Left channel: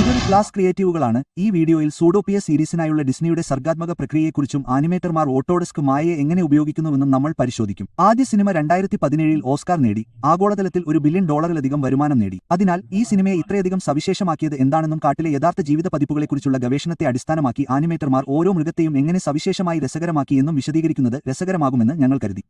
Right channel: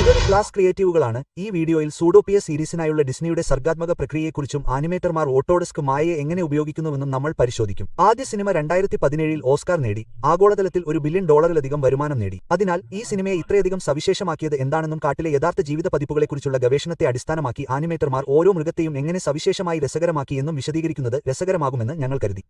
ഇതൊരു ക്ലാസ് ക്രിയേറ്റീവുകളാണ്. ഈ വീഡിയോയിൽ സൂഡോപിയ സീരീസിനായുള്ള ഡിസ്നിയുടെ സർഗാത്മക പ്രക്രിയയെക്കുറിച്ചും ആനിമേറ്റർമാർ ഓട്ടോഡെസ്ക് മായയെ എങ്ങനെ ഉപയോഗിക്കുന്നുവെന്നും നമ്മൾ പരിശോധിക്കും. ആദ്യ സിനിമ 2017 ഓസ്കാർ നേടി, ആഗോളതലത്തിൽ $1 ബില്യൺ വരുമാനം നേടി. അതിനാൽ ഈ സിനിമയെ ഇത്രയധികം സവിശേഷമാക്കിയത് എന്താണെന്നും കാട്ടിലെ യഥാർത്ഥ ജീവിത പതിപ്പുകളെക്കുറിച്ചുള്ള ഗവേഷണത്തെ അടിസ്ഥാനമാക്കി ആനിമേറ്റർമാർ ഓരോ മൃഗത്തെയും എങ്ങനെ സവിശേഷമായി രസകരമാക്കി എന്നും വിശദീകരിക്കുന്നത് രസകരമാകുമെന്ന് ഞങ്ങൾ കരുതി.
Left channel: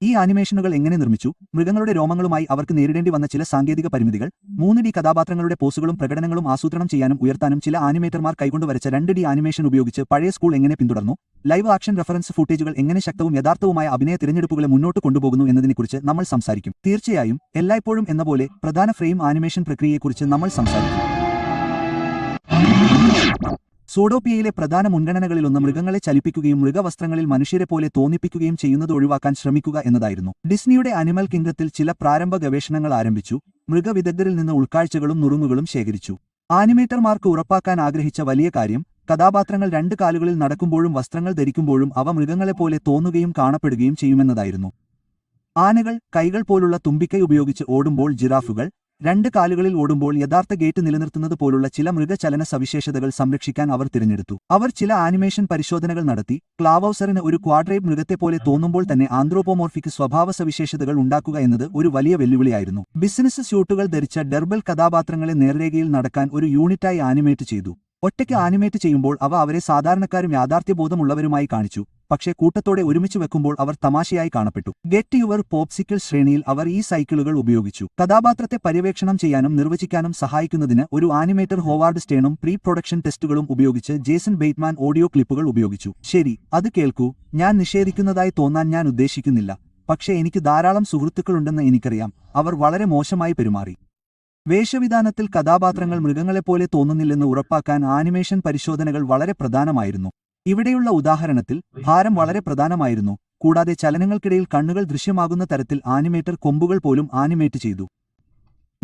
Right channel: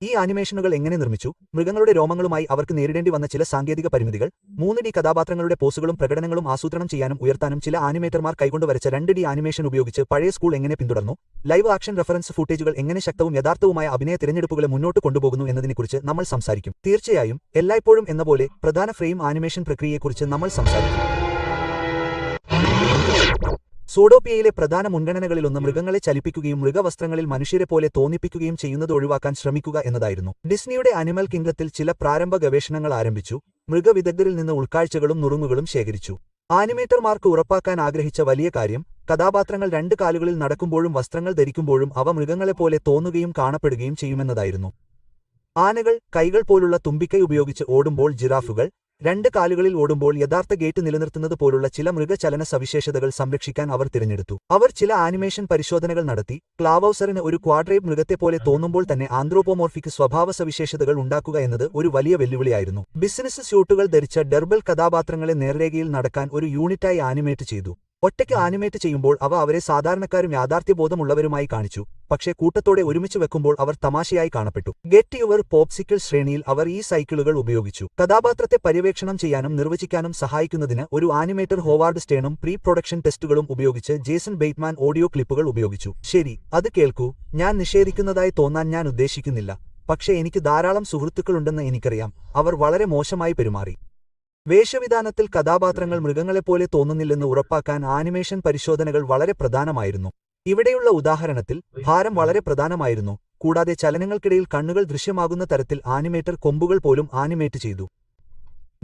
ഈ ആനിമേഷനുകൾ എങ്ങനെ നിർമ്മിച്ചു? മൃഗങ്ങളുടെ രോമങ്ങളുമായി അവർക്ക് നേരിടേണ്ടി വന്ന ചില സാങ്കേതിക പരിമിതികൾ. 3D കഥാപാത്രങ്ങളുടെ പോസുകളും പ്രകടനങ്ങളും ആസൂത്രണം ചെയ്യാനും ഉയർത്താനും ചില ആനിമേറ്റർമാർ കൈകൊണ്ട് വരച്ച 2D ആനിമേഷൻ ഉപയോഗിച്ച് പഴയ സ്കൂൾ എങ്ങനെ പിന്തുടർന്നു? ലൈവ് ആക്ഷൻ റഫറൻസ് ഫൂട്ടേജുകൾ എങ്ങനെ ശക്തവും യഥാർത്ഥവുമായ അഭിനയ തിരഞ്ഞെടുപ്പുകളെ മുന്നോട്ട് കൊണ്ടുപോകുന്നു എന്നതിനെക്കുറിച്ച് നമ്മൾ സംസാരിക്കും. തീർച്ചയായും എല്ലായ്പ്പോഴും എന്നപോലെ പ്രധാന ഫ്രെയിം ആനിമേഷൻ പ്രക്രിയയെക്കുറിച്ച് നമ്മൾ സംസാരിക്കും. സൂഡോപിയയിലെ പ്രധാന മുൻഗണനകളിലൊന്ന് മൃഗങ്ങളെ ചലിപ്പിക്കുകയും മൃഗവസ്ത്രങ്ങളിൽ മനുഷ്യരെപ്പോലെ തോന്നിപ്പിക്കുകയും ചെയ്യുന്നത് ഒഴിവാക്കാൻ ശ്രമിക്കുക എന്നതായിരുന്നു. ഡിസ്നിയുടെ അനിമൽ കിംഗ്ഡത്തിൽ ചില പ്രാരംഭ ഗവേഷണങ്ങൾ ആരംഭിച്ചു. മൃഗവിദഗ്ധരിൽ നിന്ന് ഉൾക്കാഴ്ചകളും നുറുങ്ങുകളും ശേഖരിച്ചു. ആനിമേറ്റർമാർക്ക് ഉറപ്പാക്കാൻ ആഗ്രഹിച്ച വലിയ കാര്യം, കഥാപാത്രങ്ങൾ 2 കാലുകളിൽ നടക്കുമ്പോഴും വസ്ത്രങ്ങൾ ധരിക്കുമ്പോഴും അവ മൃഗങ്ങളെപ്പോലെ തോന്നുകയും കാണപ്പെടുകയും ചെയ്യുമെന്നതായിരുന്നു. ആനകൾ കൈകൾ പോലുള്ള തുമ്പിക്കൈ ഉപയോഗിച്ച് ഓടുമ്പോൾ, ജിറാഫുകൾ 2 കാലുകളിൽ ഓടുമ്പോൾ യഥാർത്ഥ ഗേറ്റ് നിലനിർത്തുന്നത് പോലുള്ള ചില മൃഗചലന സവിശേഷതകൾ സംരക്ഷിക്കാൻ അവർ തിരഞ്ഞെടുത്തു. അവർ ചില ആനിമേഷൻ പരിശോധനകൾ നടത്തി. ക്ലാവൌസറിന് ഒരു ക്വാഡ്രേപ്പ് മൃഗത്തെപ്പോലെ തോന്നുമ്പോൾ തന്നെ ആന്ത്രോപോമോർഫിക് സ്വഭാവ സവിശേഷതകൾ ഉണ്ടാക്കുക എന്നത് ഒരു വലിയ വെല്ലുവിളിയായിരുന്നു. ബിസിനസ് സ്യൂട്ടുകൾ ധരിച്ച ഡെർബൽ കഥാപാത്രങ്ങളെ നേർരേഖയിൽ നടക്കാൻ ഒരു യൂണിറ്റായി ആനിമേറ്റ് ചെയ്തു. ഒറ്റയ്ക്ക് ആനിമേറ്റ് ചെയ്യുമ്പോൾ അവ അവരെ സാധാരണക്കാരും യാഥാർത്ഥ്യബോധമുള്ളവരുമായി കാണിച്ചു, പക്ഷേ കൂട്ടത്തോടെ ഒരുമിച്ച് വെക്കുമ്പോൾ അവർ തമാശയായി കാണപ്പെട്ടു. ഗെറ്റ് യുവർ പോപ്സിക്കിൾ ശ്രേണിയിൽ അവർ ഈ സൈക്കിളുകൾ ഉപയോഗിച്ചു. കഥാപാത്രത്തെ പര്യവേക്ഷണം ചെയ്യാനും നിർവചിക്കാനും സഹായിക്കുന്നതിന് ഒരു ആനിമേറ്റർ ഹോവാർഡ് സ്റ്റേണും പ്രീ പ്രൊഡക്ഷൻ ടെസ്റ്റുകളും ഉപയോഗിച്ച് ജേസൺ ബെയ്റ്റ്മാൻ ഓഡിയോ ക്ലിപ്പുകൾ ഉപയോഗിച്ചു. ശരി, അത് കേൾക്കൂ. ഞാൻ നിഷേധിക്കുന്നതായി തോന്നാൻ ഞാൻ ഉദ്ദേശിക്കുന്നില്ല, പക്ഷേ എനിക്ക് ധാരാളം സുഹൃത്തുക്കളുണ്ടെന്ന് എനിക്കറിയാം. അവർ വളരെ മോശമായി പെരുമാറി. വേഷവിധാനത്തിൽ കഥാപാത്രങ്ങൾ മൃഗങ്ങളെപ്പോലെ തോന്നുന്നില്ലെന്ന് ഉറപ്പാക്കാൻ ആനിമേഷൻ പരിശോധനകൾ വളരെ പ്രധാനമായിരുന്നു. ഇവിടെയുള്ള ഉദാഹരണത്തിൽ ഭാരം വളരെ പ്രധാനമായിരുന്നു, കൂടാതെ ചലനങ്ങൾക്കിടയിൽ കണ്ണുകൾ ദൃശ്യമാകുന്ന തരത്തിൽ ആനിമേറ്റർ കൊമ്പുകൾ പോലും ആനിമേറ്റ് ചെയ്തു.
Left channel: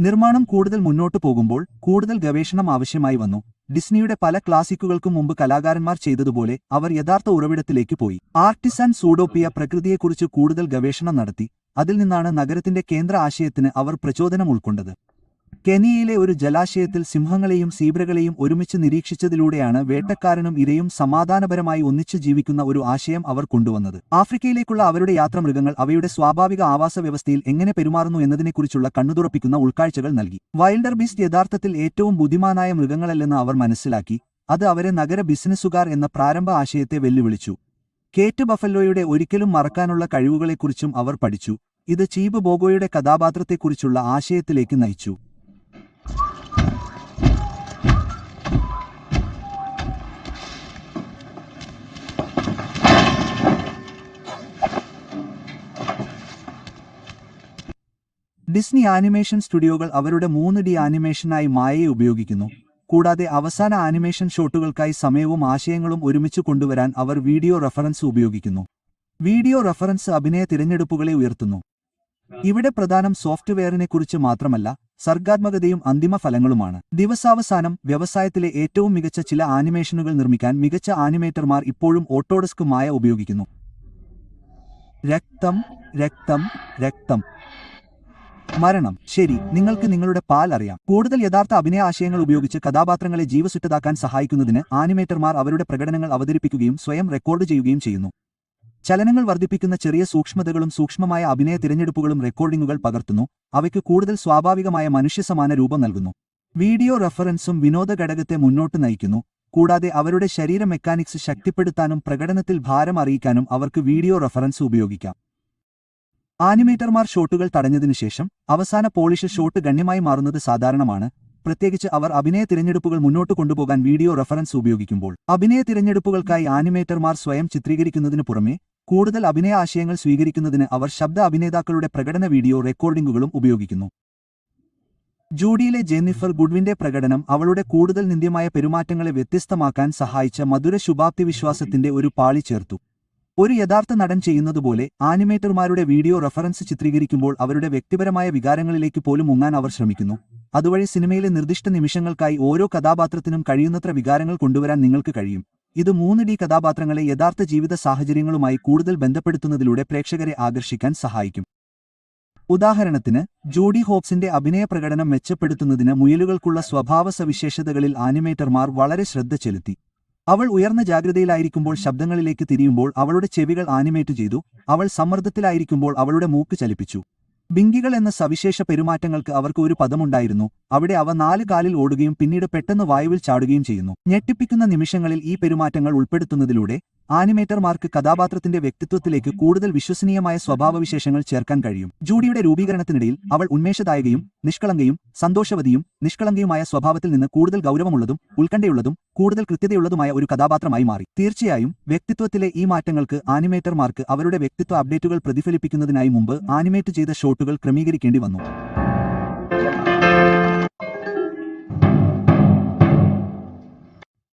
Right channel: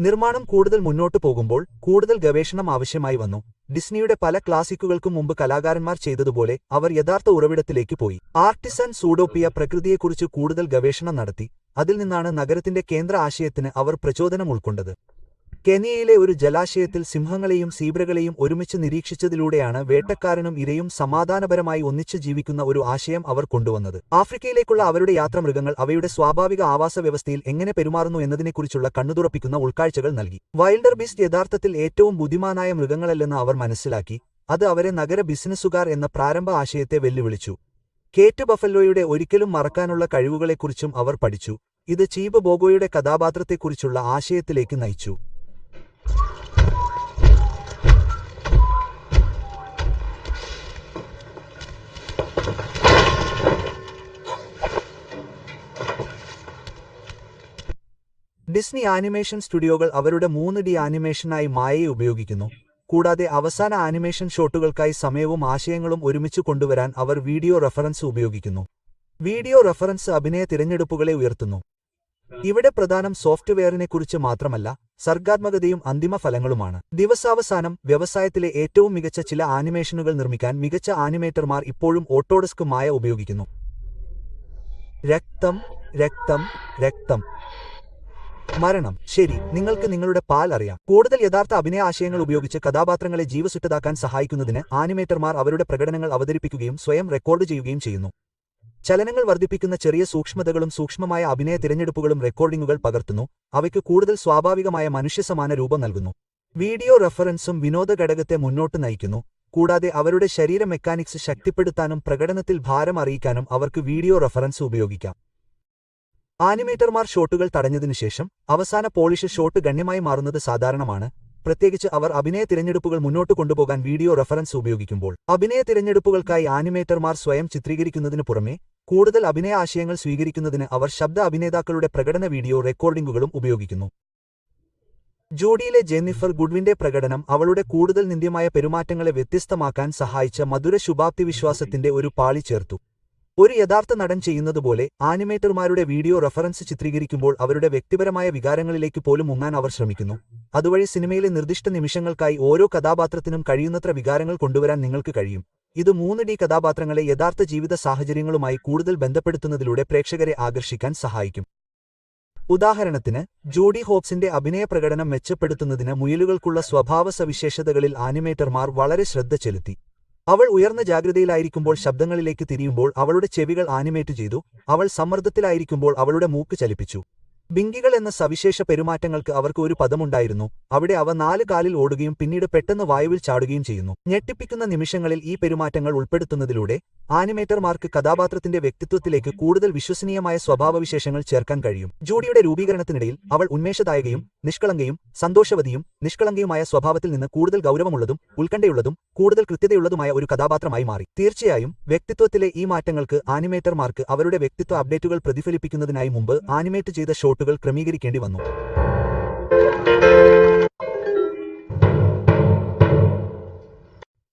നിർമ്മാണം കൂടുതൽ മുന്നോട്ടു പോകുമ്പോൾ കൂടുതൽ ഗവേഷണം ആവശ്യമായി വന്നു. ഡിസ്നിയുടെ പല ക്ലാസിക്കുകൾക്കും മുമ്പ് കലാകാരന്മാർ ചെയ്തതുപോലെ അവർ യഥാർത്ഥ ഉറവിടത്തിലേക്ക് പോയി. ആർട്ടിസൺ സൂഡോപിയ പ്രകൃതിയെക്കുറിച്ച് കൂടുതൽ ഗവേഷണം നടത്തി. അതിൽ നിന്നാണ് നഗരത്തിന്റെ കേന്ദ്ര ആശയത്തിന് അവർ പ്രചോദനം ഉൾക്കൊണ്ടത്. കെനിയയിലെ ഒരു ജലാശയത്തിൽ സിംഹങ്ങളെയും സീബ്രകളെയും ഒരുമിച്ച് നിരീക്ഷിച്ചതിലൂടെയാണ് വേട്ടക്കാരനും ഇരയും സമാധാനപരമായി ഒന്നിച്ചു ജീവിക്കുന്ന ഒരു ആശയം അവർ കൊണ്ടുവന്നത്. ആഫ്രിക്കയിലേക്കുള്ള അവരുടെ യാത്ര മൃഗങ്ങൾ അവയുടെ സ്വാഭാവിക ആവാസ വ്യവസ്ഥയിൽ എങ്ങനെ പെരുമാറുന്നു എന്നതിനെക്കുറിച്ചുള്ള കണ്ണുതുറപ്പിക്കുന്ന ഉൾക്കാഴ്ചകൾ നൽകി. വൈൽഡർ ബീസ്റ്റ് യഥാർത്ഥത്തിൽ ഏറ്റവും ബുദ്ധിമാനായ മൃഗങ്ങളല്ലെന്ന് അവർ മനസ്സിലാക്കി. അത് അവരെ നഗര ബിസിനസ്സുകാർ എന്ന പ്രാരംഭ ആശയത്തെ വെല്ലുവിളിച്ചു. കേറ്റ് ബഫല്ലോയുടെ ഒരിക്കലും മറക്കാനുള്ള കഴിവുകളെക്കുറിച്ചും അവർ പഠിച്ചു. ഇത് ചീബ് ബോഗോയുടെ കഥാപാത്രത്തെക്കുറിച്ചുള്ള ആശയത്തിലേക്ക് നയിച്ചു. ഡിസ്നി ആനിമേഷൻ സ്റ്റുഡിയോകൾ അവരുടെ 3D ആനിമേഷനായി മായയെ ഉപയോഗിക്കുന്നു. കൂടാതെ അവസാന ആനിമേഷൻ ഷോട്ടുകൾക്കായി സമയവും ആശയങ്ങളും ഒരുമിച്ച് കൊണ്ടുവരാൻ അവർ വീഡിയോ റഫറൻസ് ഉപയോഗിക്കുന്നു. വീഡിയോ റഫറൻസ് അഭിനയ തിരഞ്ഞെടുപ്പുകളെ ഉയർത്തുന്നു. ഇവിടെ പ്രധാനം സോഫ്റ്റ്വെയറിനെക്കുറിച്ച് മാത്രമല്ല, സർഗാത്മകതയും അന്തിമ ഫലങ്ങളുമാണ്. ദിവസാവസാനം വ്യവസായത്തിലെ ഏറ്റവും മികച്ച ചില ആനിമേഷനുകൾ നിർമ്മിക്കാൻ മികച്ച ആനിമേറ്റർമാർ ഇപ്പോഴും ഓട്ടോഡെസ്ക് മായ ഉപയോഗിക്കുന്നു. രക്തം, രക്തം, രക്തം. മരണം. ശരി, നിങ്ങൾക്ക് നിങ്ങളുടെ പാൽ അറിയാം. കൂടുതൽ യഥാർത്ഥ അഭിനയ ആശയങ്ങൾ ഉപയോഗിച്ച് കഥാപാത്രങ്ങളെ ജീവസുറ്റതാക്കാൻ സഹായിക്കുന്നതിന് ആനിമേറ്റർമാർ അവരുടെ പ്രകടനങ്ങൾ അവതരിപ്പിക്കുകയും സ്വയം റെക്കോർഡ് ചെയ്യുകയും ചെയ്യുന്നു. ചലനങ്ങൾ വർദ്ധിപ്പിക്കുന്ന ചെറിയ സൂക്ഷ്മതകളും സൂക്ഷ്മമായ അഭിനയ തിരഞ്ഞെടുപ്പുകളും റെക്കോർഡിംഗുകൾ പകർത്തുന്നു, അവയ്ക്ക് കൂടുതൽ സ്വാഭാവികമായ മനുഷ്യസമാന രൂപം നൽകുന്നു. വീഡിയോ റഫറൻസും വിനോദ ഘടകത്തെ മുന്നോട്ട് നയിക്കുന്നു, കൂടാതെ അവരുടെ ശരീര മെക്കാനിക്സ് ശക്തിപ്പെടുത്താനും പ്രകടനത്തിൽ ഭാരം അറിയിക്കാനും അവർക്ക് വീഡിയോ റഫറൻസ് ഉപയോഗിക്കാം. ആനിമേറ്റർമാർ ഷോട്ടുകൾ തടഞ്ഞതിനുശേഷം അവസാന പോളിഷ് ഷോട്ട് ഗണ്യമായി മാറുന്നത് സാധാരണമാണ്, പ്രത്യേകിച്ച് അവർ അഭിനയ തിരഞ്ഞെടുപ്പുകൾ മുന്നോട്ട് കൊണ്ടുപോകാൻ വീഡിയോ റഫറൻസ് ഉപയോഗിക്കുമ്പോൾ. അഭിനയ തിരഞ്ഞെടുപ്പുകൾക്കായി ആനിമേറ്റർമാർ സ്വയം ചിത്രീകരിക്കുന്നതിനു പുറമെ കൂടുതൽ അഭിനയ ആശയങ്ങൾ സ്വീകരിക്കുന്നതിന് അവർ ശബ്ദ അഭിനേതാക്കളുടെ പ്രകടന വീഡിയോ റെക്കോർഡിംഗുകളും ഉപയോഗിക്കുന്നു. ജൂഡിയിലെ ജെന്നിഫർ ഗുഡ്വിന്റെ പ്രകടനം അവളുടെ കൂടുതൽ നിന്ദ്യമായ പെരുമാറ്റങ്ങളെ വ്യത്യസ്തമാക്കാൻ സഹായിച്ച മധുര ശുഭാപ്തിവിശ്വാസത്തിന്റെ ഒരു പാളി ചേർത്തു. ഒരു യഥാർത്ഥ നടൻ ചെയ്യുന്നതുപോലെ ആനിമേറ്റർമാരുടെ വീഡിയോ റഫറൻസ് ചിത്രീകരിക്കുമ്പോൾ അവരുടെ വ്യക്തിപരമായ വികാരങ്ങളിലേക്ക് പോലും മുങ്ങാൻ അവർ ശ്രമിക്കുന്നു. അതുവഴി സിനിമയിലെ നിർദ്ദിഷ്ട നിമിഷങ്ങൾക്കായി ഓരോ കഥാപാത്രത്തിനും കഴിയുന്നത്ര വികാരങ്ങൾ കൊണ്ടുവരാൻ നിങ്ങൾക്ക് കഴിയും. ഇത് 3D കഥാപാത്രങ്ങളെ യഥാർത്ഥ ജീവിത സാഹചര്യങ്ങളുമായി കൂടുതൽ ബന്ധപ്പെടുത്തുന്നതിലൂടെ പ്രേക്ഷകരെ ആകർഷിക്കാൻ സഹായിക്കും. ഉദാഹരണത്തിന് ജൂഡി ഹോപ്സിന്റെ അഭിനയ പ്രകടനം മെച്ചപ്പെടുത്തുന്നതിന് മുയലുകൾക്കുള്ള സ്വഭാവ സവിശേഷതകളിൽ ആനിമേറ്റർമാർ വളരെ ശ്രദ്ധ ചെലുത്തി. അവൾ ഉയർന്ന ജാഗ്രതയിലായിരിക്കുമ്പോൾ ശബ്ദങ്ങളിലേക്ക് തിരിയുമ്പോൾ അവളുടെ ചെവികൾ ആനിമേറ്റ് ചെയ്തു, അവൾ സമ്മർദ്ദത്തിലായിരിക്കുമ്പോൾ അവളുടെ മൂക്ക് ചലിപ്പിച്ചു. ബിങ്കികൾ എന്ന സവിശേഷ പെരുമാറ്റങ്ങൾക്ക് അവർക്ക് ഒരു പദമുണ്ടായിരുന്നു, അവിടെ അവ 4 കാലിൽ ഓടുകയും പിന്നീട് പെട്ടെന്ന് വായുവിൽ ചാടുകയും ചെയ്യുന്നു. ഞെട്ടിപ്പിക്കുന്ന നിമിഷങ്ങളിൽ ഈ പെരുമാറ്റങ്ങൾ ഉൾപ്പെടുത്തുന്നതിലൂടെ ആനിമേറ്റർമാർക്ക് കഥാപാത്രത്തിന്റെ വ്യക്തിത്വത്തിലേക്ക് കൂടുതൽ വിശ്വസനീയമായ സ്വഭാവവിശേഷങ്ങൾ ചേർക്കാൻ കഴിയും. ജൂഡിയുടെ രൂപീകരണത്തിനിടയിൽ അവൾ ഉന്മേഷദായകയും നിഷ്കളങ്കയും സന്തോഷവതിയും നിഷ്കളങ്കയുമായ സ്വഭാവത്തിൽ നിന്ന് കൂടുതൽ ഗൗരവമുള്ളതും ഉത്കണ്ഠയുള്ളതും കൂടുതൽ കൃത്യതയുള്ളതുമായ ഒരു കഥാപാത്രമായി മാറി. തീർച്ചയായും വ്യക്തിത്വത്തിലെ ഈ മാറ്റങ്ങൾക്ക് ആനിമേറ്റർമാർക്ക് അവരുടെ വ്യക്തിത്വ അപ്ഡേറ്റുകൾ പ്രതിഫലിപ്പിക്കുന്നതിനായി മുമ്പ് ആനിമേറ്റ് ചെയ്ത ഷോട്ടുകൾ ക്രമീകരിക്കേണ്ടി വന്നു.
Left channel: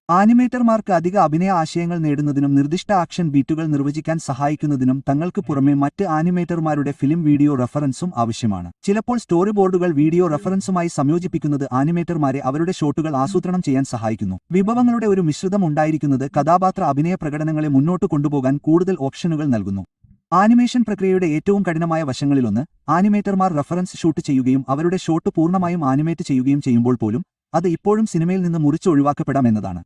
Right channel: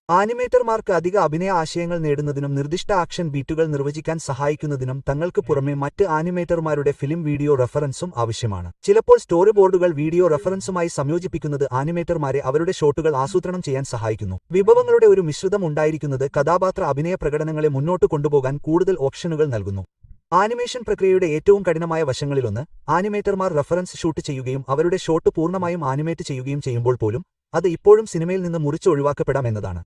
ആനിമേറ്റർമാർക്ക് അധിക അഭിനയ ആശയങ്ങൾ നേടുന്നതിനും നിർദ്ദിഷ്ട ആക്ഷൻ ബീറ്റുകൾ നിർവചിക്കാൻ സഹായിക്കുന്നതിനും തങ്ങൾക്ക് പുറമെ മറ്റ് ആനിമേറ്റർമാരുടെ ഫിലിം വീഡിയോ റഫറൻസും ആവശ്യമാണ്. ചിലപ്പോൾ സ്റ്റോറി ബോർഡുകൾ വീഡിയോ റഫറൻസുമായി സംയോജിപ്പിക്കുന്നത് ആനിമേറ്റർമാരെ അവരുടെ ഷോട്ടുകൾ ആസൂത്രണം ചെയ്യാൻ സഹായിക്കുന്നു. വിഭവങ്ങളുടെ ഒരു മിശ്രിതം ഉണ്ടായിരിക്കുന്നത് കഥാപാത്ര അഭിനയ പ്രകടനങ്ങളെ മുന്നോട്ട് കൊണ്ടുപോകാൻ കൂടുതൽ ഓപ്ഷനുകൾ നൽകുന്നു. ആനിമേഷൻ പ്രക്രിയയുടെ ഏറ്റവും കഠിനമായ വശങ്ങളിലൊന്ന് ആനിമേറ്റർമാർ റഫറൻസ് ഷൂട്ട് ചെയ്യുകയും അവരുടെ ഷോട്ട് പൂർണ്ണമായും ആനിമേറ്റ് ചെയ്യുകയും ചെയ്യുമ്പോൾ പോലും അത് ഇപ്പോഴും സിനിമയിൽ നിന്ന് മുറിച്ച് ഒഴിവാക്കപ്പെടാം എന്നതാണ്.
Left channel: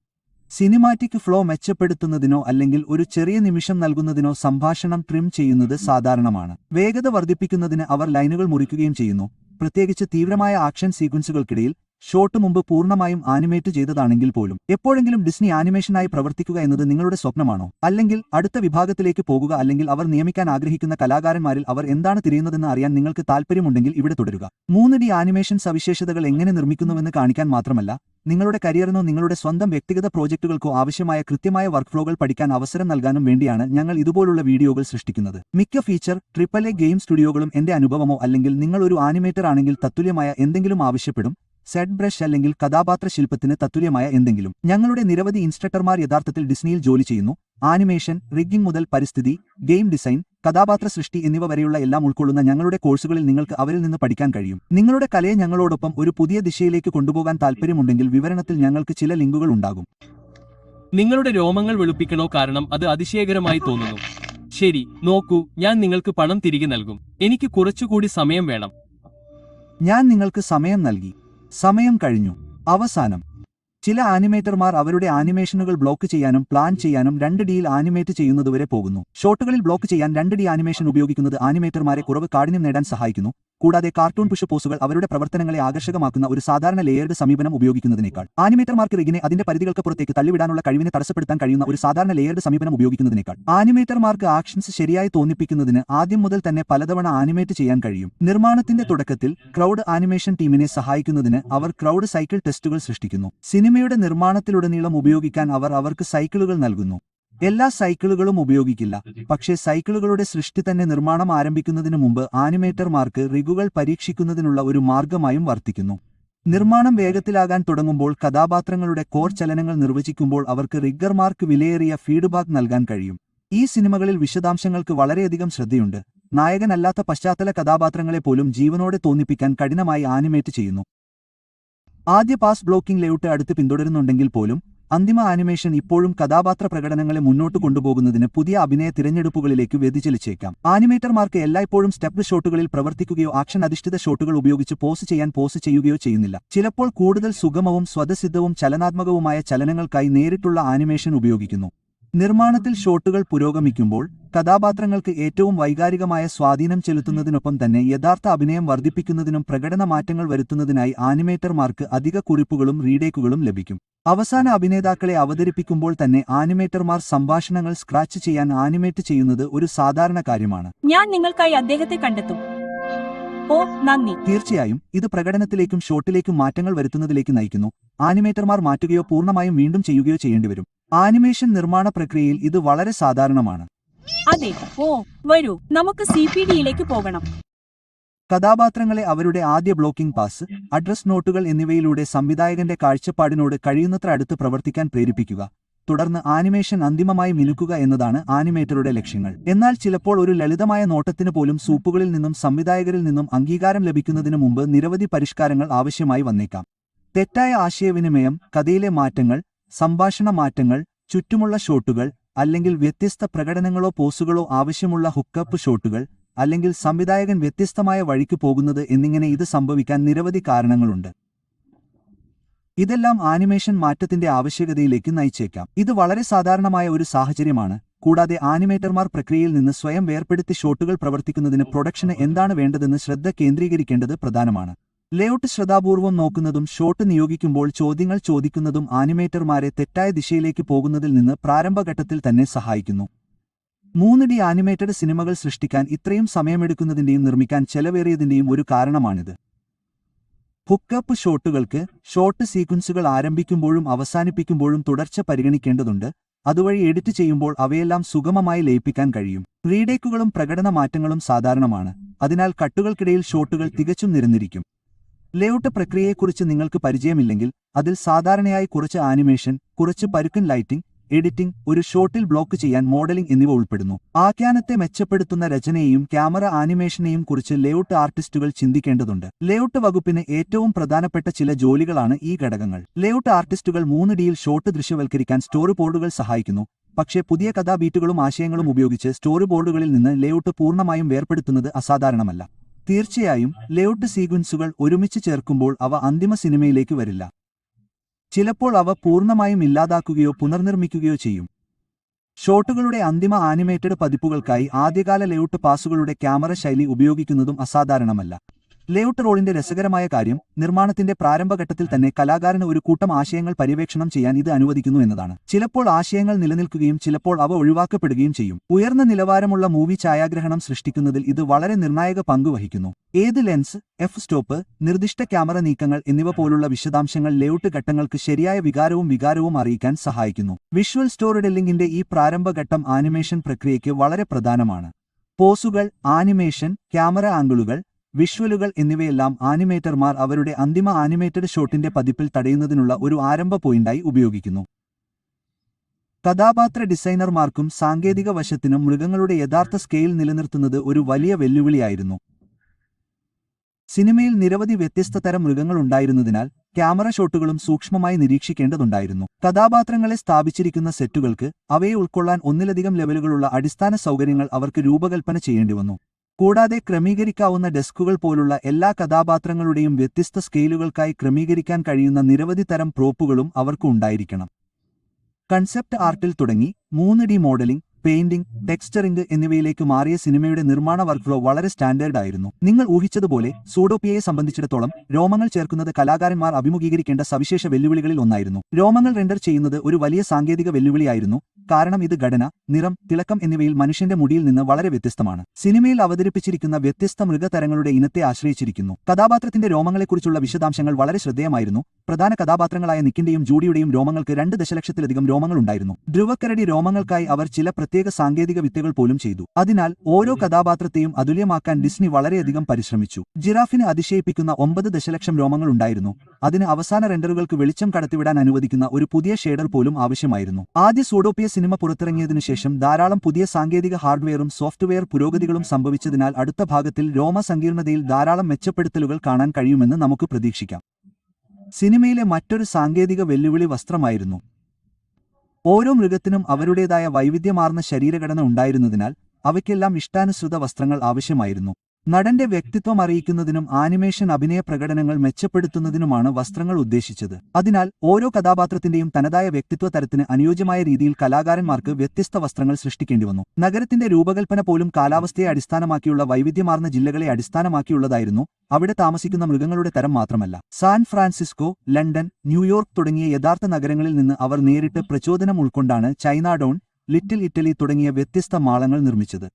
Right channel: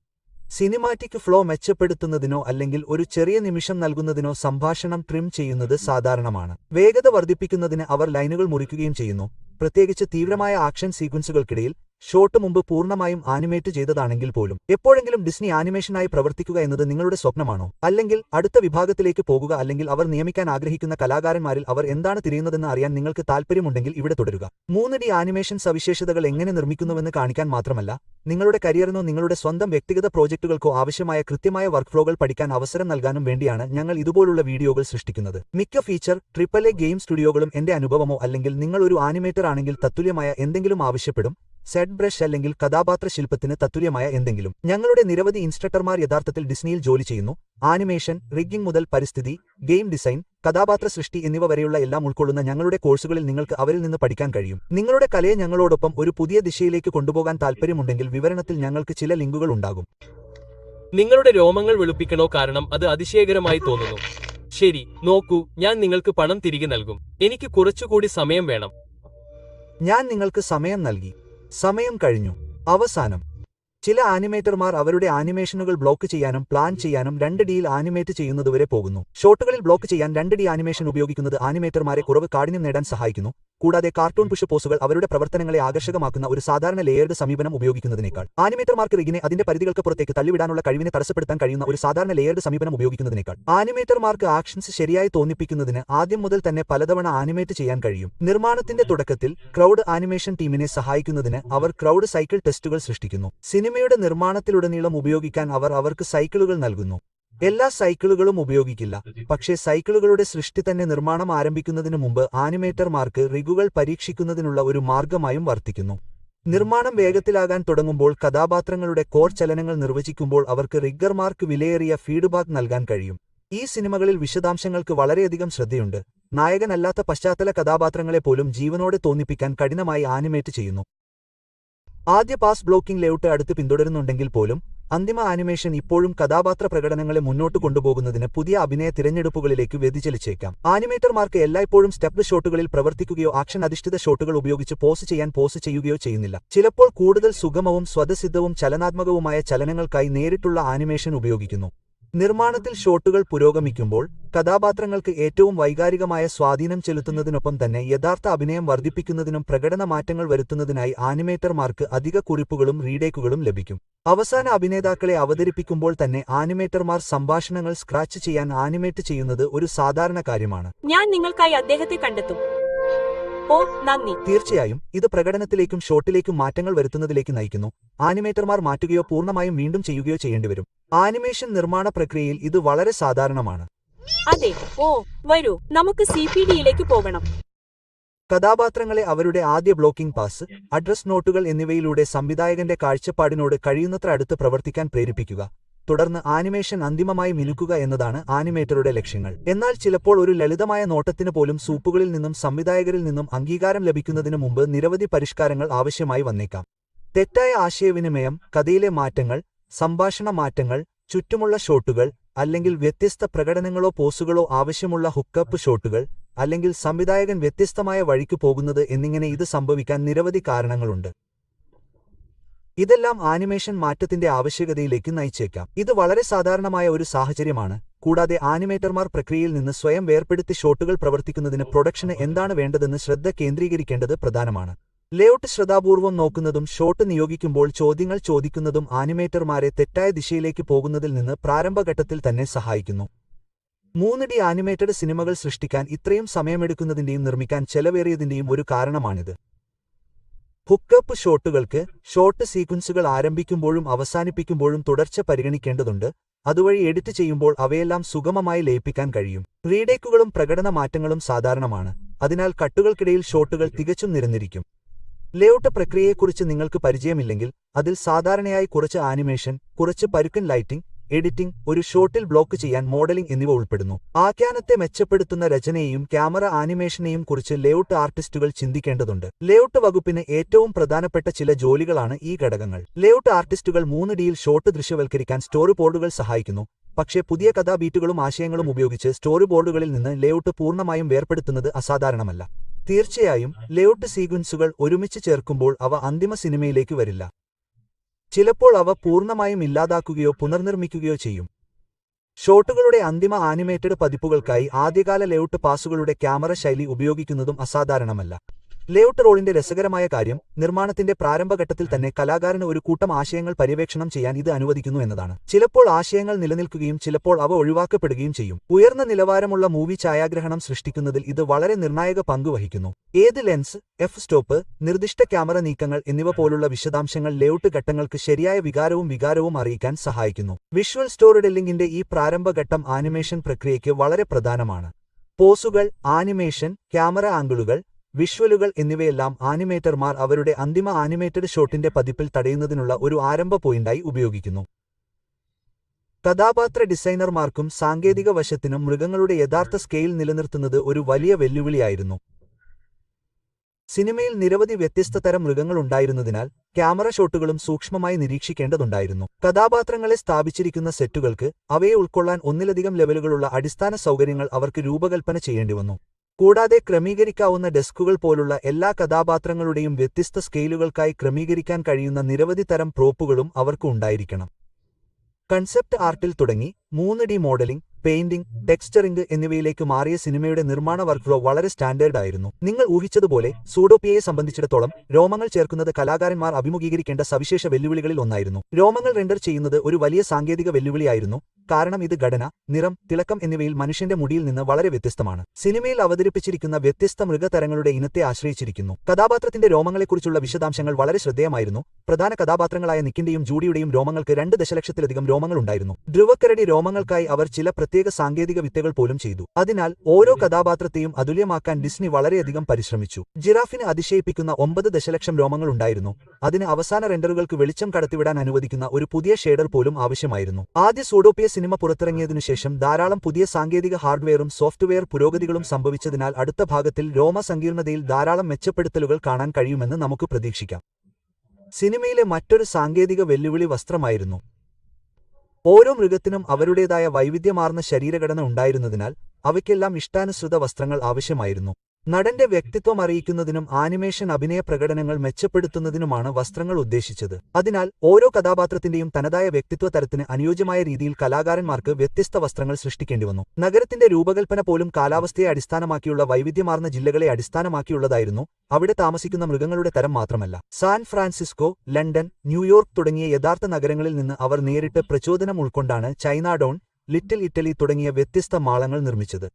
സിനിമാറ്റിക് ഫ്ലോ മെച്ചപ്പെടുത്തുന്നതിനോ അല്ലെങ്കിൽ ഒരു ചെറിയ നിമിഷം നൽകുന്നതിനോ സംഭാഷണം ട്രിം ചെയ്യുന്നത് സാധാരണമാണ്. വേഗത വർദ്ധിപ്പിക്കുന്നതിന് അവർ ലൈനുകൾ മുറിക്കുകയും ചെയ്യുന്നു, പ്രത്യേകിച്ച് തീവ്രമായ ആക്ഷൻ സീക്വൻസുകൾക്കിടയിൽ. ഷോട്ട് മുമ്പ് പൂർണ്ണമായും ആനിമേറ്റ് ചെയ്തതാണെങ്കിൽ പോലും. എപ്പോഴെങ്കിലും ഡിസ്നി ആനിമേഷനായി പ്രവർത്തിക്കുക എന്നത് നിങ്ങളുടെ സ്വപ്നമാണോ? അല്ലെങ്കിൽ അടുത്ത വിഭാഗത്തിലേക്ക് പോകുക, അല്ലെങ്കിൽ അവർ നിയമിക്കാൻ ആഗ്രഹിക്കുന്ന കലാകാരന്മാരിൽ അവർ എന്താണ് തിരയുന്നതെന്ന് അറിയാൻ നിങ്ങൾക്ക് താൽപ്പര്യമുണ്ടെങ്കിൽ ഇവിടെ തുടരുക. 3D ആനിമേഷൻ സവിശേഷതകൾ എങ്ങനെ നിർമ്മിക്കുന്നുവെന്ന് കാണിക്കാൻ മാത്രമല്ല, നിങ്ങളുടെ കരിയറിനോ നിങ്ങളുടെ സ്വന്തം വ്യക്തിഗത പ്രോജക്റ്റുകൾക്കോ ആവശ്യമായ കൃത്യമായ വർക്ക്ഫ്ലോകൾ പഠിക്കാൻ അവസരം നൽകാനും വേണ്ടിയാണ് ഞങ്ങൾ ഇതുപോലുള്ള വീഡിയോകൾ സൃഷ്ടിക്കുന്നത്. മിക്ക ഫീച്ചർ AAA ഗെയിം സ്റ്റുഡിയോകളും എന്റെ അനുഭവമോ അല്ലെങ്കിൽ നിങ്ങൾ ഒരു ആനിമേറ്റർ ആണെങ്കിൽ തത്തുല്യമായ എന്തെങ്കിലും ആവശ്യപ്പെടും, സെറ്റ് ബ്രഷ് അല്ലെങ്കിൽ കഥാപാത്ര ശില്പത്തിന് തത്തുല്യമായ എന്തെങ്കിലും. ഞങ്ങളുടെ നിരവധി ഇൻസ്ട്രക്ടർമാർ യഥാർത്ഥത്തിൽ ഡിസ്നിയിൽ ജോലി ചെയ്യുന്നു. ആനിമേഷൻ, റിഗ്ഗിംഗ് മുതൽ പരിസ്ഥിതി, ഗെയിം ഡിസൈൻ, കഥാപാത്ര സൃഷ്ടി എന്നിവ വരെയുള്ള എല്ലാം ഉൾക്കൊള്ളുന്ന ഞങ്ങളുടെ കോഴ്സുകളിൽ നിങ്ങൾക്ക് അവരിൽ നിന്ന് പഠിക്കാൻ കഴിയും. നിങ്ങളുടെ കലയെ ഞങ്ങളോടൊപ്പം ഒരു പുതിയ ദിശയിലേക്ക് കൊണ്ടുപോകാൻ താൽപ്പര്യമുണ്ടെങ്കിൽ വിവരണത്തിൽ ഞങ്ങൾക്ക് ചില ലിങ്കുകൾ ഉണ്ടാകും. നിങ്ങളുടെ രോമങ്ങൾ വെളുപ്പിക്കണോ? കാരണം അത് അതിശയകരമായി തോന്നുന്നു. ശരി, നോക്കൂ, ഞാൻ നിങ്ങൾക്ക് പണം തിരികെ നൽകും. എനിക്ക് കുറച്ചുകൂടി സമയം വേണം. ഞാൻ നിങ്ങൾക്ക് സമയം നൽകി. സമയം കഴിഞ്ഞു. അവസാനം ചില ആനിമേറ്റർമാർ അവരുടെ ആനിമേഷനുകൾ ബ്ലോക്ക് ചെയ്യാനും പ്ലാൻ ചെയ്യാനും 2Dയിൽ ആനിമേറ്റ് ചെയ്യുന്നതുവരെ പോകുന്നു. ഷോട്ടുകളിൽ ബ്ലോക്ക് ചെയ്യാൻ 2D ആനിമേഷൻ ഉപയോഗിക്കുന്നത് ആനിമേറ്റർമാരെ കുറവ് കാഠിന്യം നേടാൻ സഹായിക്കുന്നു. കൂടാതെ കാർട്ടൂൺ പുഷ് പോസുകൾ അവരുടെ പ്രവർത്തനങ്ങളെ ആകർഷകമാക്കുന്ന ഒരു സാധാരണ ലേയേർഡ് സമീപനം ഉപയോഗിക്കുന്നതിനേക്കാൾ ആനിമേറ്റർമാർക്ക് റിഗിനെ അതിന്റെ പരിധികൾക്ക് പുറത്തേക്ക് തള്ളിവിടാനുള്ള കഴിവിനെ തടസ്സപ്പെടുത്താൻ കഴിയുന്ന ഒരു സാധാരണ ലേയേർഡ് സമീപനം ഉപയോഗിക്കുന്നതിനേക്കാൾ ആനിമേറ്റർമാർക്ക് ആക്ഷൻസ് ശരിയായി തോന്നിപ്പിക്കുന്നതിന് ആദ്യം മുതൽ തന്നെ പലതവണ ആനിമേറ്റ് ചെയ്യാൻ കഴിയും. നിർമ്മാണത്തിന്റെ തുടക്കത്തിൽ ക്രൗഡ് ആനിമേഷൻ ടീമിനെ സഹായിക്കുന്നതിന് അവർ ക്രൗഡ് സൈക്കിൾ ടെസ്റ്റുകൾ സൃഷ്ടിക്കുന്നു. സിനിമയുടെ നിർമ്മാണത്തിലുടനീളം ഉപയോഗിക്കാൻ അവർ അവർക്ക് സൈക്കിളുകൾ നൽകുന്നു. എല്ലാ സൈക്കിളുകളും ഉപയോഗിക്കില്ല, പക്ഷേ സൈക്കിളുകളുടെ സൃഷ്ടി തന്നെ നിർമ്മാണം ആരംഭിക്കുന്നതിനു മുമ്പ് ആനിമേറ്റർമാർക്ക് റിഗുകൾ പരീക്ഷിക്കുന്നതിനുള്ള ഒരു മാർഗമായും വർത്തിക്കുന്നു. നിർമ്മാണം വേഗത്തിലാകാൻ തുടങ്ങുമ്പോൾ കഥാപാത്രങ്ങളുടെ കോർ ചലനങ്ങൾ നിർവചിക്കുമ്പോൾ അവർക്ക് റിഗ്ഗർമാർക്ക് വിലയേറിയ ഫീഡ്ബാക്ക് നൽകാൻ കഴിയും. ഈ സിനിമകളിൽ വിശദാംശങ്ങൾക്ക് വളരെയധികം ശ്രദ്ധയുണ്ട്. നായകനല്ലാത്ത പശ്ചാത്തല കഥാപാത്രങ്ങളെ പോലും ജീവനോടെ തോന്നിപ്പിക്കാൻ കഠിനമായി ആനിമേറ്റ് ചെയ്യുന്നു. ആദ്യ പാസ് ബ്ലോക്കിംഗ് ലേഔട്ട് അടുത്ത് പിന്തുടരുന്നുണ്ടെങ്കിൽ പോലും അന്തിമ ആനിമേഷൻ ഇപ്പോഴും കഥാപാത്ര പ്രകടനങ്ങളെ മുന്നോട്ട് കൊണ്ടുപോകുന്നതിന് പുതിയ അഭിനയ തിരഞ്ഞെടുപ്പുകളിലേക്ക് വ്യതിചലിച്ചേക്കാം. ആനിമേറ്റർമാർക്ക് എല്ലായ്പ്പോഴും സ്റ്റെപ്ഡ് ഷോട്ടുകളിൽ പ്രവർത്തിക്കുകയോ ആക്ഷൻ അധിഷ്ഠിത ഷോട്ടുകൾ ഉപയോഗിച്ച് പോസ് ചെയ്യുകയോ ചെയ്യുന്നില്ല. ചിലപ്പോൾ കൂടുതൽ സുഗമവും സ്വതസിദ്ധവും ചലനാത്മകവുമായ ചലനങ്ങൾക്കായി നേരിട്ടുള്ള ആനിമേഷൻ ഉപയോഗിക്കുന്നു. നിർമ്മാണത്തിൽ ഷോട്ടുകൾ പുരോഗമിക്കുമ്പോൾ കഥാപാത്രങ്ങൾക്ക് ഏറ്റവും വൈകാരികമായ സ്വാധീനം ചെലുത്തുന്നതിനൊപ്പം തന്നെ യഥാർത്ഥ അഭിനയം വർദ്ധിപ്പിക്കുന്നതിനും പ്രകടന മാറ്റങ്ങൾ വരുത്തുന്നതിനായി ആനിമേറ്റർമാർക്ക് അധിക കുറിപ്പുകളും റീടേക്കുകളും ലഭിക്കും. അവസാന അഭിനേതാക്കളെ അവതരിപ്പിക്കുമ്പോൾ തന്നെ ആനിമേറ്റർമാർ സംഭാഷണങ്ങൾ സ്ക്രാച്ച് ചെയ്യാൻ ആനിമേറ്റ് ചെയ്യുന്നത് ഒരു സാധാരണ കാര്യമാണ്. ഞാൻ നിങ്ങൾക്കായി അദ്ദേഹത്തെ കണ്ടെത്തും. ഓ, നന്ദി. തീർച്ചയായും ഇത് പ്രകടനത്തിലേക്കും ഷോട്ടിലേക്കും മാറ്റങ്ങൾ വരുത്തുന്നതിലേക്ക് നയിക്കുന്നു. ആനിമേറ്റർമാർ മാറ്റുകയോ പൂർണ്ണമായും വീണ്ടും ചെയ്യുകയോ ചെയ്യേണ്ടിവരും. ആനിമേഷൻ നിർമ്മാണ പ്രക്രിയയിൽ ഇത് വളരെ സാധാരണമാണ്. അതെ. ഓ, വരൂ, നമുക്ക് CPDയിലേക്ക് പോകണം. കഥാപാത്രങ്ങളെ അവരുടെ ആദ്യ ബ്ലോക്കിംഗ് പാസ്, അഡ്രസ് നോട്ടുകൾ എന്നിവയിലൂടെ സംവിധായകന്റെ കാഴ്ചപ്പാടിനോട് കഴിയുന്നത്ര അടുത്ത് പ്രവർത്തിക്കാൻ പ്രേരിപ്പിക്കുക. തുടർന്ന് ആനിമേഷൻ അന്തിമമായി മിനുക്കുക എന്നതാണ് ആനിമേറ്ററുടെ ലക്ഷ്യങ്ങൾ. എന്നാൽ ചിലപ്പോൾ ഒരു ലളിതമായ നോട്ടത്തിന് പോലും സൂപ്പുകളിൽ നിന്നും സംവിധായകരിൽ നിന്നും അംഗീകാരം ലഭിക്കുന്നതിനു മുമ്പ് നിരവധി പരിഷ്കാരങ്ങൾ ആവശ്യമായി വന്നേക്കാം. തെറ്റായ ആശയവിനിമയം, കഥയിലെ മാറ്റങ്ങൾ, സംഭാഷണ മാറ്റങ്ങൾ, ചുറ്റുമുള്ള ഷോട്ടുകൾ, അല്ലെങ്കിൽ വ്യത്യസ്ത പ്രകടനങ്ങളോ പോസുകളോ ആവശ്യമുള്ള ഹുക്കപ്പ് ഷോട്ടുകൾ, അല്ലെങ്കിൽ സംവിധായകൻ വ്യത്യസ്തമായ വഴിക്ക് പോകുന്നത് എന്നിങ്ങനെ ഇത് സംഭവിക്കാൻ നിരവധി കാരണങ്ങളുണ്ട്. ഇതെല്ലാം ആനിമേഷൻ മാറ്റത്തിന്റെ ആവശ്യകതയിലേക്ക് നയിച്ചേക്കാം. ഇത് വളരെ സാധാരണമായ ഒരു സാഹചര്യമാണ്. കൂടാതെ ആനിമേറ്റർമാർ പ്രക്രിയയിൽ നിന്ന് സ്വയം വേർപെടുത്തി ഷോട്ടുകൾ പ്രവർത്തിക്കുന്നതിന് പ്രൊഡക്ഷന് എന്താണ് വേണ്ടതെന്ന് ശ്രദ്ധ കേന്ദ്രീകരിക്കേണ്ടത് പ്രധാനമാണ്. ലേഔട്ട് ശ്രദ്ധാപൂർവം നോക്കുന്നതും ഷോട്ട് നിയോഗിക്കുമ്പോൾ ചോദ്യങ്ങൾ ചോദിക്കുന്നതും ആനിമേറ്റർമാരെ തെറ്റായ ദിശയിലേക്ക് പോകുന്നതിൽ നിന്ന് പ്രാരംഭഘട്ടത്തിൽ തന്നെ സഹായിക്കുന്നു. 3D ആനിമേറ്റഡ് സിനിമകൾ സൃഷ്ടിക്കാൻ ഇത്രയും സമയമെടുക്കുന്നതിന്റെയും നിർമ്മിക്കാൻ ചെലവേറിയതിന്റെയും ഒരു കാരണമാണിത്. ഹുക്കപ്പ് ഷോട്ടുകൾക്ക് ഷോട്ട് സീക്വൻസുകൾ ആരംഭിക്കുമ്പോഴും അവസാനിപ്പിക്കുമ്പോഴും തുടർച്ച പരിഗണിക്കേണ്ടതുണ്ട്. അതുവഴി എഡിറ്റ് ചെയ്യുമ്പോൾ അവയെല്ലാം സുഗമമായി ലയിപ്പിക്കാൻ കഴിയും. റീടേക്കുകളും പ്രകടന മാറ്റങ്ങളും സാധാരണമാണ്. അതിനാൽ കട്ടുകൾക്കിടയിൽ ഷോട്ടുകൾ തികച്ചും നിരന്നിരിക്കും. ലേഔട്ട് പ്രക്രിയയെക്കുറിച്ച് നിങ്ങൾക്ക് പരിചയമില്ലെങ്കിൽ അതിൽ സാധാരണയായി കുറച്ച് ആനിമേഷൻ, കുറച്ച് പരുക്കൻ ലൈറ്റിംഗ്, എഡിറ്റിംഗ്, ഒരു ഷോട്ടിൽ ബ്ലോക്ക് ചെയ്യാൻ മോഡലിംഗ് എന്നിവ ഉൾപ്പെടുന്നു. ആഖ്യാനത്തെ മെച്ചപ്പെടുത്തുന്ന രചനയെയും ക്യാമറ ആനിമേഷനെയും കുറിച്ച് ലേഔട്ട് ആർട്ടിസ്റ്റുകൾ ചിന്തിക്കേണ്ടതുണ്ട്. ലേഔട്ട് വകുപ്പിന് ഏറ്റവും പ്രധാനപ്പെട്ട ചില ജോലികളാണ് ഈ ഘടകങ്ങൾ. ലേഔട്ട് ആർട്ടിസ്റ്റുകൾ 3Dയിൽ ഷോട്ട് ദൃശ്യവൽക്കരിക്കാൻ സ്റ്റോറി ബോർഡുകൾ സഹായിക്കുന്നു. പക്ഷേ പുതിയ കഥാബീറ്റുകളും ആശയങ്ങളും ഉപയോഗിച്ച് സ്റ്റോറി ബോർഡുകളിൽ നിന്ന് ലേഔട്ട് പൂർണ്ണമായും വേർപെടുത്തുന്നത് അസാധാരണമല്ല. തീർച്ചയായും ലേഔട്ട് സീക്വൻസുകൾ ഒരുമിച്ച് ചേർക്കുമ്പോൾ അവ അന്തിമ സിനിമയിലേക്ക് വരില്ല. ചിലപ്പോൾ അവ പൂർണ്ണമായും ഇല്ലാതാക്കുകയോ പുനർനിർമ്മിക്കുകയോ ചെയ്യും. ഷോട്ടുകളുടെ അന്തിമ ആനിമേറ്റഡ് പതിപ്പുകൾക്കായി ആദ്യകാല ലേഔട്ട് പാസുകളുടെ ക്യാമറ ശൈലി ഉപയോഗിക്കുന്നതും അസാധാരണമല്ല. ലേഔട്ട് റോളിന്റെ രസകരമായ കാര്യം നിർമ്മാണത്തിന്റെ പ്രാരംഭഘട്ടത്തിൽ തന്നെ കലാകാരന് ഒരു കൂട്ടം ആശയങ്ങൾ പര്യവേക്ഷണം ചെയ്യാൻ ഇത് അനുവദിക്കുന്നു എന്നതാണ്. ചിലപ്പോൾ ആശയങ്ങൾ നിലനിൽക്കുകയും ചിലപ്പോൾ അവ ഒഴിവാക്കപ്പെടുകയും ചെയ്യും. ഉയർന്ന നിലവാരമുള്ള മൂവി ഛായാഗ്രഹണം സൃഷ്ടിക്കുന്നതിൽ ഇത് വളരെ നിർണായക പങ്ക് വഹിക്കുന്നു. ഏത് ലെൻസ്, എഫ് സ്റ്റോപ്പ്, നിർദ്ദിഷ്ട ക്യാമറ നീക്കങ്ങൾ എന്നിവ പോലുള്ള വിശദാംശങ്ങൾ ലേഔട്ട് ഘട്ടങ്ങൾക്ക് ശരിയായ വികാരവും അറിയിക്കാൻ സഹായിക്കുന്നു. വിഷ്വൽ സ്റ്റോറി ടെല്ലിംഗിന്റെ ഈ പ്രാരംഭഘട്ടം ആനിമേഷൻ പ്രക്രിയയ്ക്ക് വളരെ പ്രധാനമാണ്. പോസുകൾ, ആനിമേഷൻ, ക്യാമറ ആംഗിളുകൾ, വിഷ്വലുകൾ എന്നിവയെല്ലാം ആനിമേറ്റർമാർ അവരുടെ അന്തിമ ആനിമേറ്റഡ് ഷോട്ടിന്റെ പതിപ്പിൽ തടയുന്നതിനുള്ള ഒരു ആരംഭ പോയിന്റായി ഉപയോഗിക്കുന്നു. കഥാപാത്ര ഡിസൈനർമാർക്കും സാങ്കേതിക വശത്തിനും മൃഗങ്ങളുടെ യഥാർത്ഥ സ്കെയിൽ നിലനിർത്തുന്നത് ഒരു വലിയ വെല്ലുവിളിയായിരുന്നു. സിനിമയിൽ നിരവധി വ്യത്യസ്ത തരം മൃഗങ്ങൾ ഉണ്ടായിരുന്നതിനാൽ ക്യാമറ ഷോട്ടുകളും സൂക്ഷ്മമായി നിരീക്ഷിക്കേണ്ടതുണ്ടായിരുന്നു. കഥാപാത്രങ്ങളെ സ്ഥാപിച്ചിരിക്കുന്ന സെറ്റുകൾക്ക് അവയെ ഉൾക്കൊള്ളാൻ ഒന്നിലധികം ലെവലുകളുള്ള അടിസ്ഥാന സൗകര്യങ്ങൾ അവർക്ക് രൂപകൽപ്പന ചെയ്യേണ്ടിവന്നു. കൂടാതെ ക്രമീകരിക്കാവുന്ന ഡെസ്കുകൾ പോലുള്ള എല്ലാ കഥാപാത്രങ്ങളുടെയും വ്യത്യസ്ത സ്കെയിലുകൾക്കായി ക്രമീകരിക്കാൻ കഴിയുന്ന നിരവധി തരം പ്രോപ്പുകളും അവർക്ക് ഉണ്ടായിരിക്കണം. കൺസെപ്റ്റ് ആർട്ടിൽ തുടങ്ങി 3D മോഡലിംഗ്, പെയിന്റിംഗ്, ടെക്സ്ചറിംഗ് എന്നിവയിലേക്ക് മാറിയ സിനിമയുടെ നിർമ്മാണ വർക്ക്ഫ്ലോ വളരെ സ്റ്റാൻഡേർഡ് ആയിരുന്നു. നിങ്ങൾ ഊഹിച്ചതുപോലെ സൂഡോപിയയെ സംബന്ധിച്ചിടത്തോളം രോമങ്ങൾ ചേർക്കുന്നത് കലാകാരന്മാർ അഭിമുഖീകരിക്കേണ്ട സവിശേഷ വെല്ലുവിളികളിൽ ഒന്നായിരുന്നു. രോമങ്ങൾ റെൻഡർ ചെയ്യുന്നത് ഒരു വലിയ സാങ്കേതിക വെല്ലുവിളിയായിരുന്നു, കാരണം ഇത് ഘടന, നിറം, തിളക്കം എന്നിവയിൽ മനുഷ്യന്റെ മുടിയിൽ നിന്ന് വളരെ വ്യത്യസ്തമാണ്. സിനിമയിൽ അവതരിപ്പിച്ചിരിക്കുന്ന വ്യത്യസ്ത മൃഗതരങ്ങളുടെ ഇനത്തെ ആശ്രയിച്ചിരിക്കുന്നു. കഥാപാത്രത്തിന്റെ രോമങ്ങളെക്കുറിച്ചുള്ള വിശദാംശങ്ങൾ വളരെ ശ്രദ്ധേയമായിരുന്നു. പ്രധാന കഥാപാത്രങ്ങളായ നിക്കിന്റെയും ജൂഡിയുടെയും രോമങ്ങൾക്ക് 2 ദശലക്ഷത്തിലധികം രോമങ്ങൾ ഉണ്ടായിരുന്നു. ധ്രുവക്കരടി രോമങ്ങൾക്കായി അവർ ചില പ്രത്യേക സാങ്കേതിക വിദ്യകൾ പോലും ചെയ്തു. അതിനാൽ ഓരോ കഥാപാത്രത്തെയും അതുല്യമാക്കാൻ ഡിസ്നി വളരെയധികം പരിശ്രമിച്ചു. ജിറാഫിന് അതിശയിപ്പിക്കുന്ന 9 ദശലക്ഷം രോമങ്ങൾ ഉണ്ടായിരുന്നു. അതിന് അവസാന റെൻഡറുകൾക്ക് വെളിച്ചം കടത്തിവിടാൻ അനുവദിക്കുന്ന ഒരു പുതിയ ഷേഡർ പോലും ആവശ്യമായിരുന്നു. ആദ്യ സൂഡോപിയ സിനിമ പുറത്തിറങ്ങിയതിനുശേഷം ധാരാളം പുതിയ സാങ്കേതിക ഹാർഡ്വെയറും സോഫ്റ്റ്വെയർ പുരോഗതികളും സംഭവിച്ചതിനാൽ അടുത്ത ഭാഗത്തിൽ രോമ സങ്കീർണതയിൽ ധാരാളം മെച്ചപ്പെടുത്തലുകൾ കാണാൻ കഴിയുമെന്ന് നമുക്ക് പ്രതീക്ഷിക്കാം. സിനിമയിലെ മറ്റൊരു സാങ്കേതിക വെല്ലുവിളി വസ്ത്രമായിരുന്നു. ഓരോ മൃഗത്തിനും അവരുടേതായ വൈവിധ്യമാർന്ന ശരീരഘടന ഉണ്ടായിരുന്നതിനാൽ അവയ്ക്കെല്ലാം ഇഷ്ടാനുസൃത വസ്ത്രങ്ങൾ ആവശ്യമായിരുന്നു. നടന്റെ വ്യക്തിത്വം അറിയിക്കുന്നതിനും ആനിമേഷൻ അഭിനയ പ്രകടനങ്ങൾ മെച്ചപ്പെടുത്തുന്നതിനുമാണ് വസ്ത്രങ്ങൾ ഉദ്ദേശിച്ചത്. അതിനാൽ ഓരോ കഥാപാത്രത്തിന്റെയും തനതായ വ്യക്തിത്വ തരത്തിന് അനുയോജ്യമായ രീതിയിൽ കലാകാരന്മാർക്ക് വ്യത്യസ്ത വസ്ത്രങ്ങൾ സൃഷ്ടിക്കേണ്ടിവന്നു. നഗരത്തിന്റെ രൂപകൽപ്പന പോലും കാലാവസ്ഥയെ അടിസ്ഥാനമാക്കിയുള്ള വൈവിധ്യമാർന്ന ജില്ലകളെ അടിസ്ഥാനമാക്കിയുള്ളതായിരുന്നു. അവിടെ താമസിക്കുന്ന മൃഗങ്ങളുടെ തരം മാത്രമല്ല. സാൻ ഫ്രാൻസിസ്കോ, ലണ്ടൻ, ന്യൂയോർക്ക് തുടങ്ങിയ യഥാർത്ഥ നഗരങ്ങളിൽ നിന്ന് അവർ നേരിട്ട് പ്രചോദനം ഉൾക്കൊണ്ടാണ് ചൈനാഡൌൺ, ലിറ്റിൽ ഇറ്റലി തുടങ്ങിയ വ്യത്യസ്ത മാളങ്ങൾ നിർമ്മിച്ചത്.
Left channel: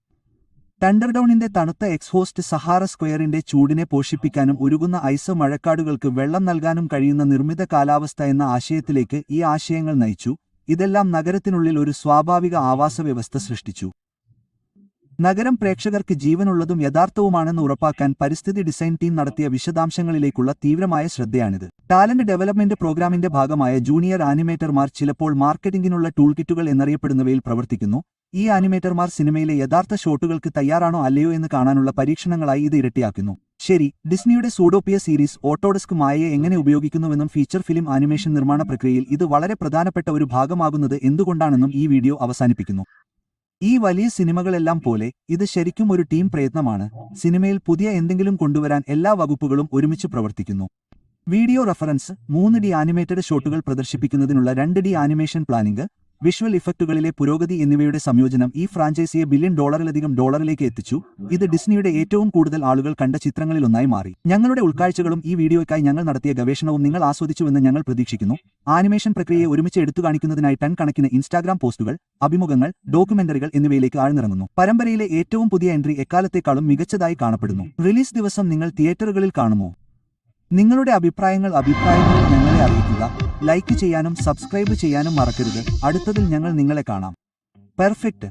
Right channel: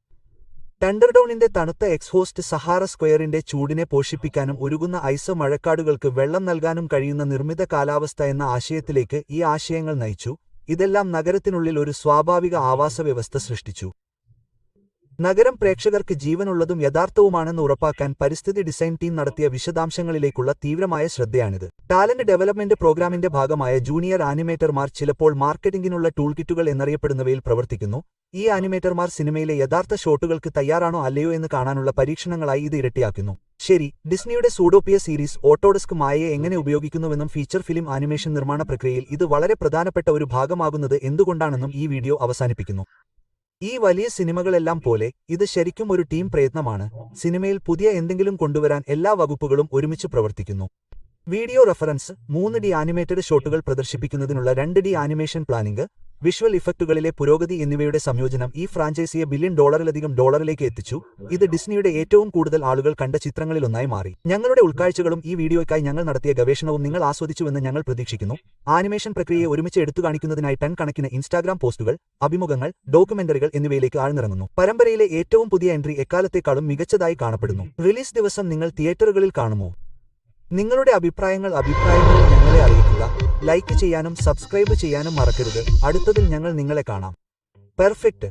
തണ്ടർഡൌണിന്റെ തണുത്ത എക്സ്ഹോസ്റ്റ് സഹാറ സ്ക്വയറിന്റെ ചൂടിനെ പോഷിപ്പിക്കാനും ഉരുകുന്ന ഐസ് മഴക്കാടുകൾക്ക് വെള്ളം നൽകാനും കഴിയുന്ന നിർമ്മിത കാലാവസ്ഥ എന്ന ആശയത്തിലേക്ക് ഈ ആശയങ്ങൾ നയിച്ചു. ഇതെല്ലാം നഗരത്തിനുള്ളിൽ ഒരു സ്വാഭാവിക ആവാസവ്യവസ്ഥ സൃഷ്ടിച്ചു. നഗരം പ്രേക്ഷകർക്ക് ജീവനുള്ളതും യഥാർത്ഥവുമാണെന്ന് ഉറപ്പാക്കാൻ പരിസ്ഥിതി ഡിസൈൻ ടീം നടത്തിയ വിശദാംശങ്ങളിലേക്കുള്ള തീവ്രമായ ശ്രദ്ധയാണിത്. ടാലന്റ് ഡെവലപ്മെന്റ് പ്രോഗ്രാമിന്റെ ഭാഗമായ ജൂനിയർ ആനിമേറ്റർമാർ ചിലപ്പോൾ മാർക്കറ്റിംഗിനുള്ള ടൂൾകിറ്റുകൾ എന്നറിയപ്പെടുന്നവയിൽ പ്രവർത്തിക്കുന്നു. ഈ ആനിമേറ്റർമാർ സിനിമയിലെ യഥാർത്ഥ ഷോട്ടുകൾക്ക് തയ്യാറാണോ അല്ലയോ എന്ന് കാണാനുള്ള പരീക്ഷണങ്ങളായി ഇത് ഇരട്ടിയാക്കുന്നു. ശരി, ഡിസ്നിയുടെ സൂഡോപിയ സീരീസ് ഓട്ടോഡെസ്ക് മായയെ എങ്ങനെ ഉപയോഗിക്കുന്നുവെന്നും ഫീച്ചർ ഫിലിം ആനിമേഷൻ നിർമ്മാണ പ്രക്രിയയിൽ ഇത് വളരെ പ്രധാനപ്പെട്ട ഒരു ഭാഗമാകുന്നത് എന്തുകൊണ്ടാണെന്നും ഈ വീഡിയോ അവസാനിപ്പിക്കുന്നു. ഈ വലിയ സിനിമകളെല്ലാം പോലെ ഇത് ശരിക്കും ഒരു ടീം പ്രയത്നമാണ്. സിനിമയിൽ പുതിയ എന്തെങ്കിലും കൊണ്ടുവരാൻ എല്ലാ വകുപ്പുകളും ഒരുമിച്ച് പ്രവർത്തിക്കുന്നു. വീഡിയോ റഫറൻസ്, 3D ആനിമേറ്റഡ് ഷോട്ടുകൾ പ്രദർശിപ്പിക്കുന്നതിനുള്ള 2D ആനിമേഷൻ പ്ലാനിംഗ്, വിഷ്വൽ ഇഫക്റ്റുകളിലെ പുരോഗതി എന്നിവയുടെ സംയോജനം ഈ ഫ്രാഞ്ചൈസിയെ $1 ബില്യൺ ഡോളറിലേക്ക് എത്തിച്ചു. ഇത് ഡിസ്നിയുടെ ഏറ്റവും കൂടുതൽ ആളുകൾ കണ്ട ചിത്രങ്ങളിലൊന്നായി മാറി. ഞങ്ങളുടെ ഉൾക്കാഴ്ചകളും ഈ വീഡിയോയ്ക്കായി ഞങ്ങൾ നടത്തിയ ഗവേഷണവും നിങ്ങൾ ആസ്വദിച്ചുവെന്ന് ഞങ്ങൾ പ്രതീക്ഷിക്കുന്നു. ആനിമേഷൻ പ്രക്രിയയെ ഒരുമിച്ച് എടുത്തുകാണിക്കുന്നതിനായി ടൺ കണക്കിന് ഇൻസ്റ്റാഗ്രാം പോസ്റ്റുകൾ, അഭിമുഖങ്ങൾ, ഡോക്യുമെന്ററികൾ എന്നിവയിലേക്ക് ആഴ്ന്നിറങ്ങുന്നു. പരമ്പരയിലെ ഏറ്റവും പുതിയ എൻട്രി എക്കാലത്തേക്കാളും മികച്ചതായി കാണപ്പെടുന്നു. റിലീസ് ദിവസം നിങ്ങൾ തിയേറ്ററുകളിൽ കാണുമോ? നിങ്ങളുടെ അഭിപ്രായങ്ങൾ ഞങ്ങളെ അറിയിക്കുക. ലൈക്ക് ചെയ്യാനും സബ്സ്ക്രൈബ് ചെയ്യാനും മറക്കരുത്. അടുത്തതിൽ ഞങ്ങൾ നിങ്ങളെ കാണാം. പെർഫെക്റ്റ്.